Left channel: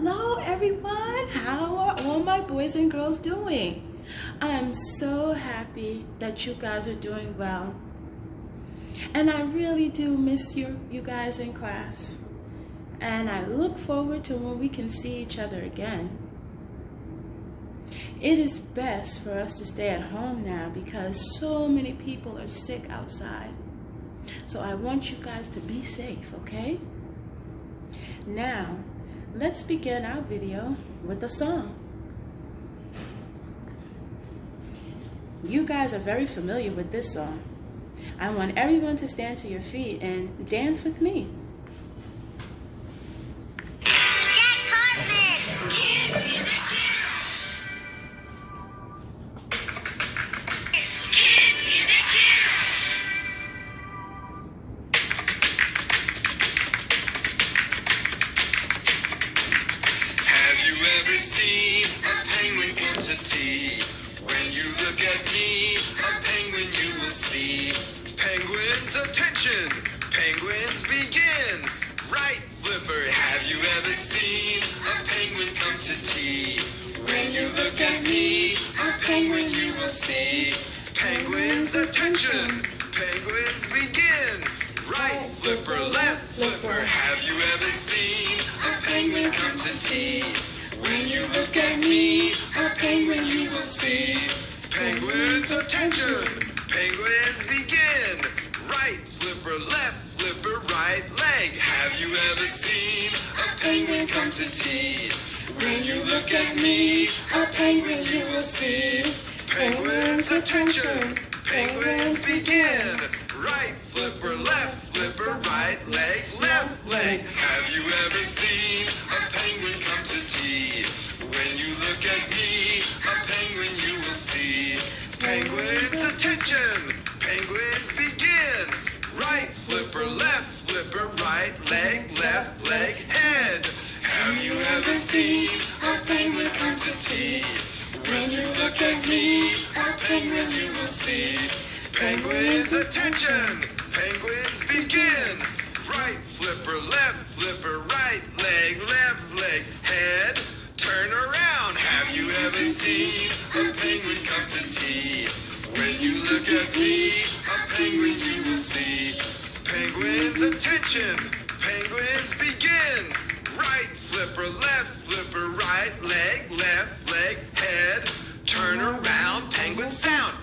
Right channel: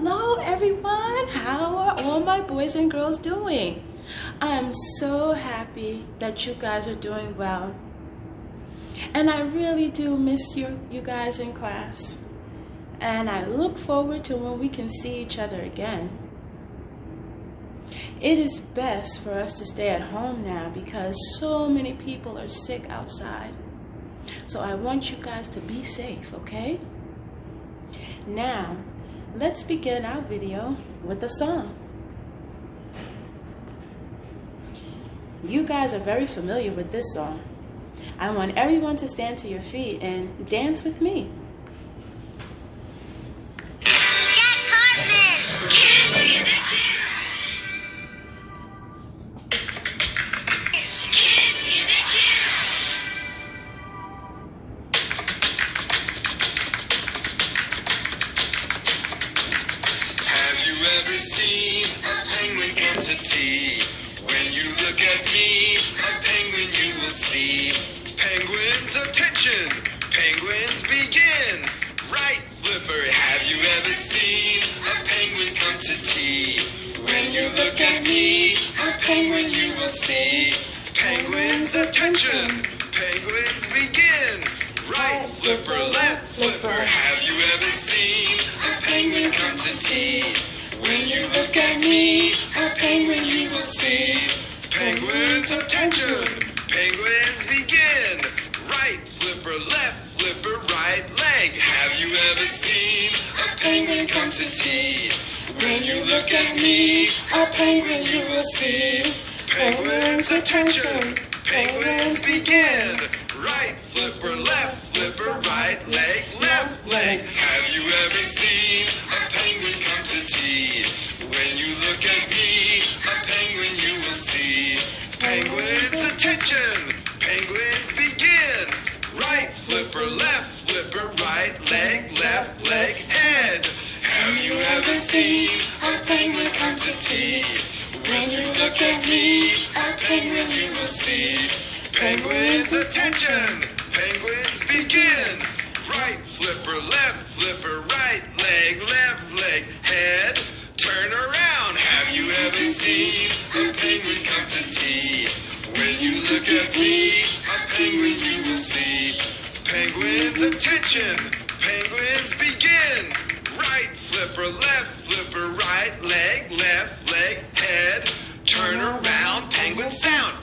Hello everyone, how are all my boys and girls doing? I am so happy that you guys are doing well. And I really do miss you guys in class. And I look forward to when we can see each other again. It is best for us to stay at home now because so many people are sick outside. So I want you guys to be safe, okay? Now, let's begin our video with a song. You guys are very familiar with this song. I want everyone to stand to your feet and dance with me. Seen a penguin come to tea. When you look at me, a penguin you will see. Penguins, attention! Penguins, begin! Right, Flipper, have you ever seen a penguin come to tea? When you look at me, a penguin you will see. Penguins, attention! Penguins, begin! Right, Flipper, left, Flipper, have you ever seen a penguin come to tea? When you look at me, a penguin you will see. Penguins, attention! Penguins, begin! Right, Flipper, left, Flipper, right leg. Have you ever seen a penguin come to tea? When you look at me, a penguin you will see. Penguins, attention! Penguins, begin! Right, Flipper, left, Flipper, right leg, left leg. Have you ever seen a penguin come to tea? When you look at me, a penguin you will see. Penguins, attention! Penguins, begin! Right, Flipper, left, Flipper, right leg, left leg, head. Have you ever seen a penguin come to tea? When you look at me, a penguin you will see. Penguins, attention! Penguins, begin! Right, Flipper, left, Flipper, right leg, head. Turn around. Have you ever seen a penguin come to tea? When you look at me, a penguin you will see. Penguins, attention! Penguins, begin! Right, Flipper, left, Flipper, right leg, left leg, head. Turn around. Penguin sound.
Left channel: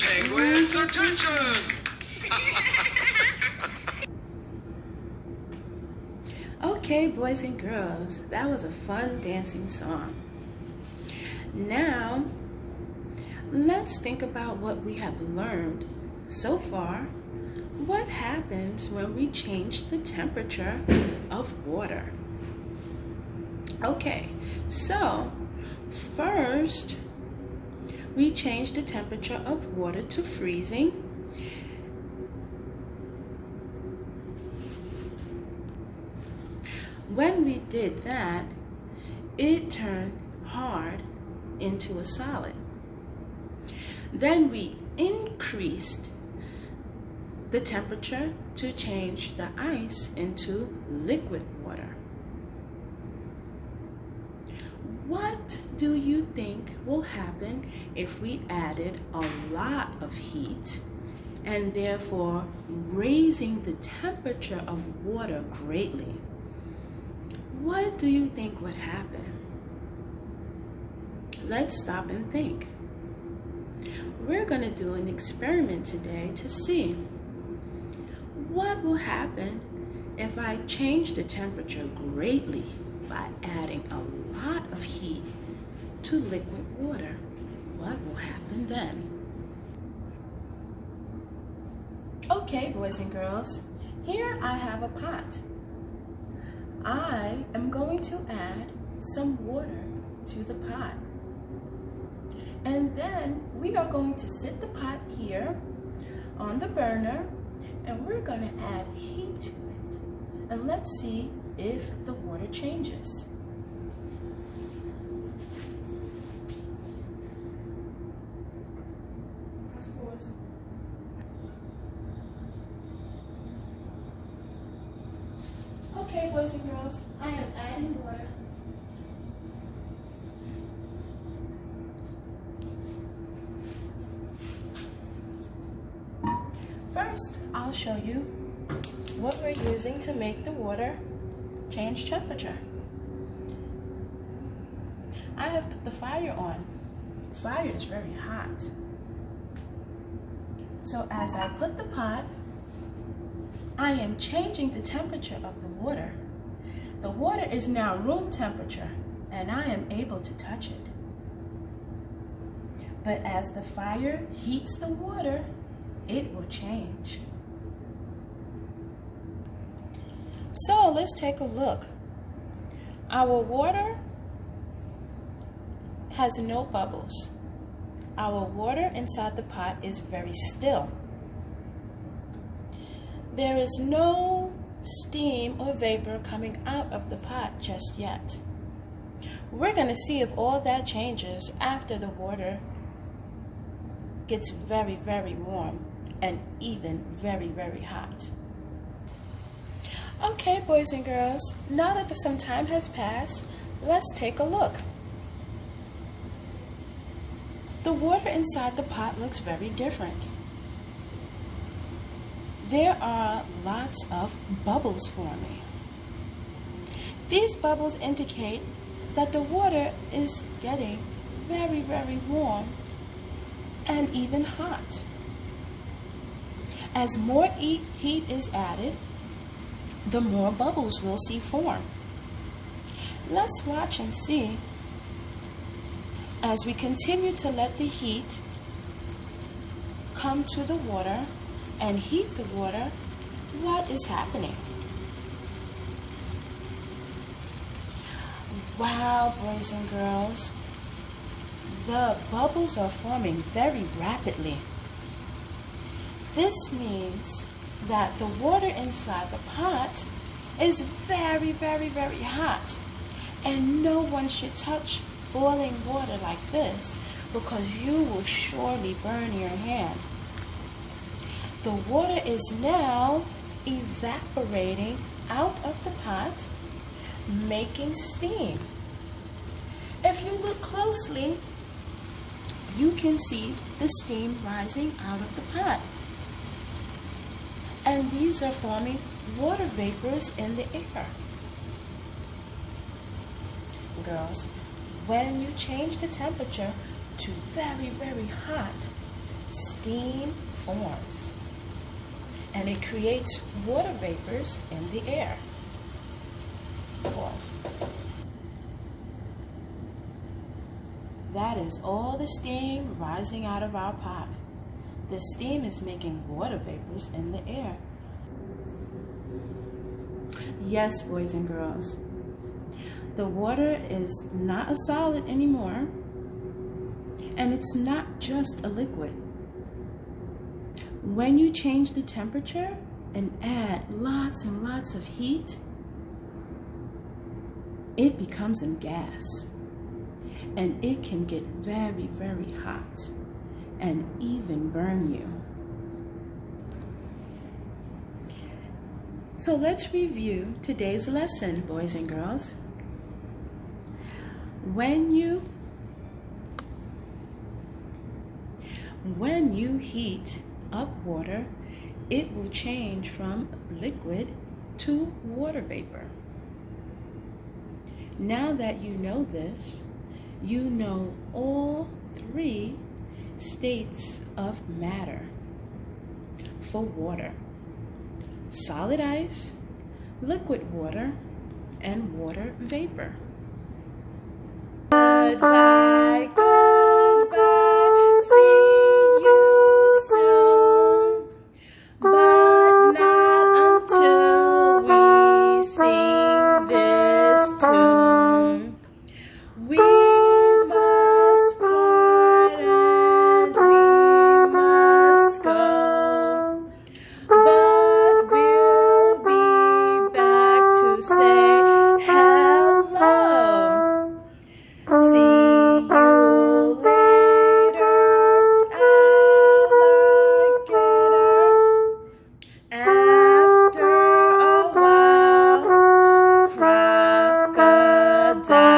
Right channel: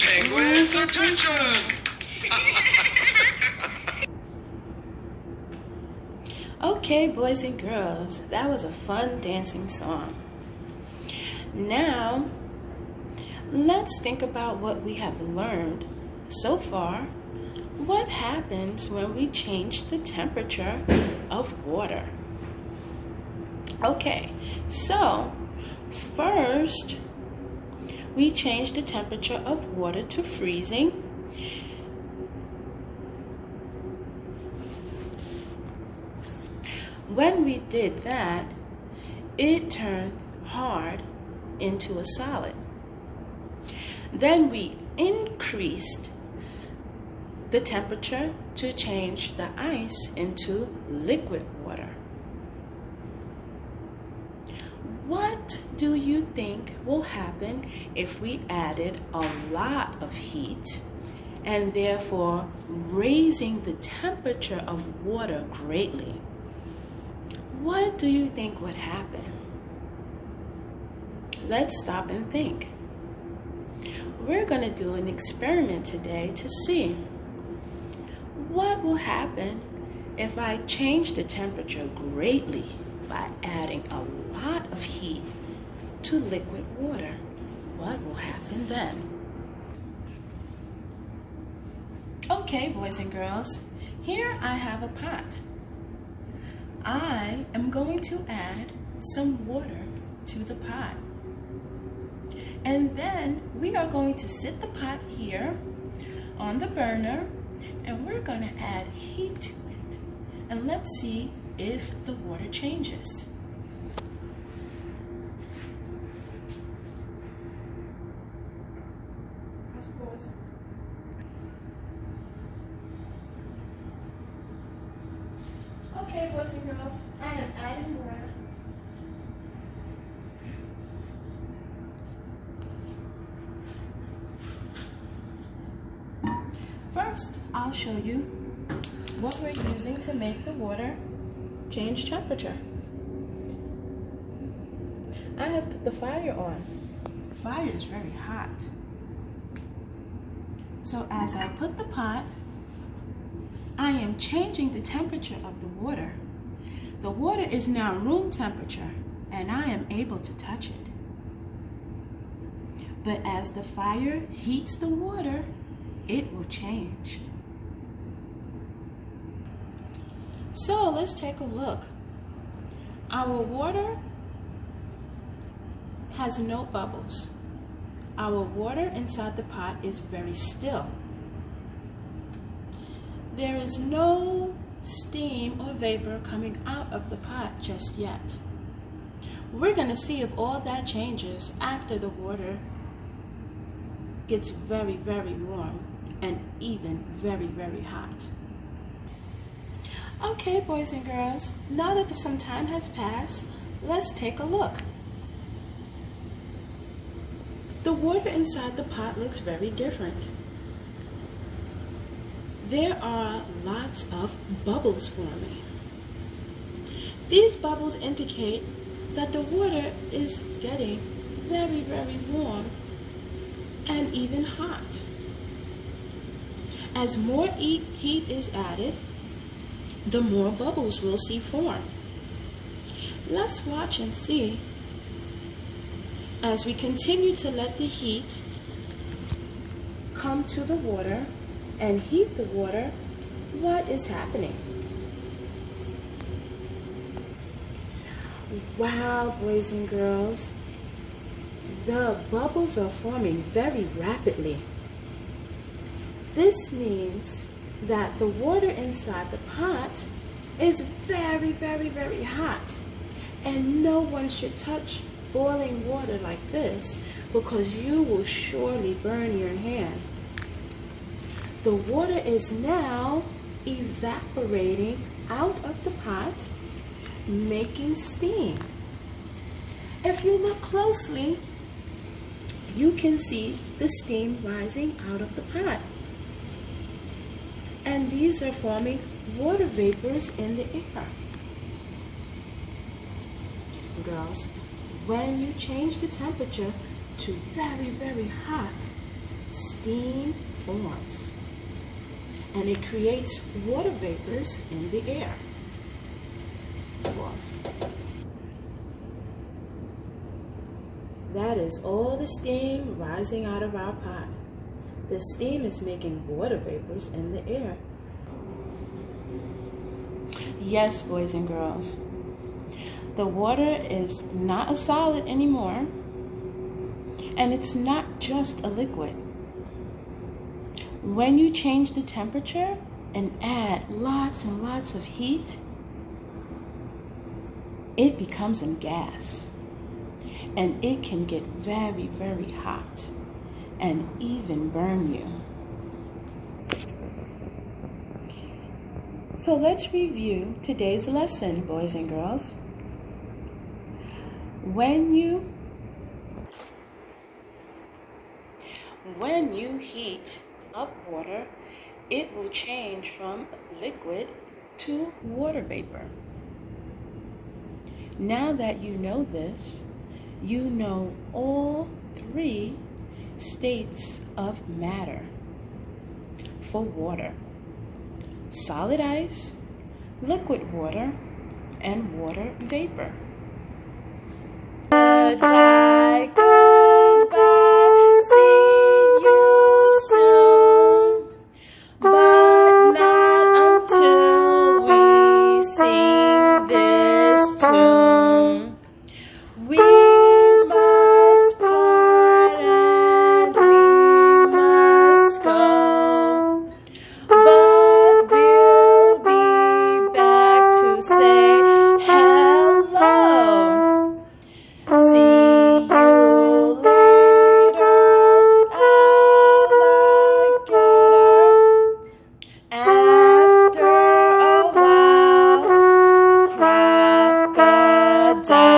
Penguins, attention! Okay, boys and girls, that was a fun dancing song. Now, let's think about what we have learned so far. What happens when we change the temperature of water? Okay, so first, we change the temperature of water to freezing. When we did that, it turned hard into a solid. Then we increased the temperature to change the ice into liquid water. What do you think will happen if we added a lot of heat and therefore raising the temperature of water greatly? What do you think would happen? Let's stop and think. We're going to do an experiment today to see what will happen if I change the temperature greatly by adding a lot of heat to liquid water. What will happen then? Okay, boys and girls, here I have a pot. I am going to add some water to the pot. And then we are going to sit the pot here on the burner and we're going to add heat to it. And let's see if the water changes. Press pause. boys and girls, I am adding water. First, I'll show you what we're using to make the water change temperature. I have put the fire on. The fire is very hot. So as I put the pot, I am changing the temperature of the water. The water is now room temperature, and I am able to touch it. But as the fire heats the water, it will change. So let's take a look. Our water has no bubbles. Our water inside the pot is very still. There is no steam or vapor coming out of the pot just yet. We're going to see if all that changes after the water gets very, very warm and even very, very hot. Okay, boys and girls, now that some time has passed, let's take a look. The water inside the pot looks very different. There are lots of bubbles forming. These bubbles indicate that the water is getting very, very warm and even hot. As more heat is added, the more bubbles we'll see form. Let's watch and see as we continue to let the heat come to the water and heat the water, what is happening. Wow, boys and girls, the bubbles are forming very rapidly. This means that the water inside the pot is very, very, very hot, and no one should touch boiling water like this because you will surely burn your hand. The water is now evaporating out of the pot, making steam. If you look closely, you can see the steam rising out of the pot. And these are forming water vapors in the air. Girls, when you change the temperature to very, very hot, steam forms. And it creates water vapors in the air. That is all the steam rising out of our pot. The steam is making water vapors in the air. Yes, boys and girls, the water is not a solid anymore, and it's not just a liquid. When you change the temperature and add lots and lots of heat, it becomes a gas, and it can get very, very hot and even burn you. So let's review today's lesson, boys and girls. When you heat up water, it will change from liquid to water vapor. Now that you know this, you know all three states of matter for water: solid ice, liquid water, and water vapor. Goodbye, goodbye, see you soon, but not until we sing this tune. We must part and we must go, but we'll be back to say hello. See you 감사합니다.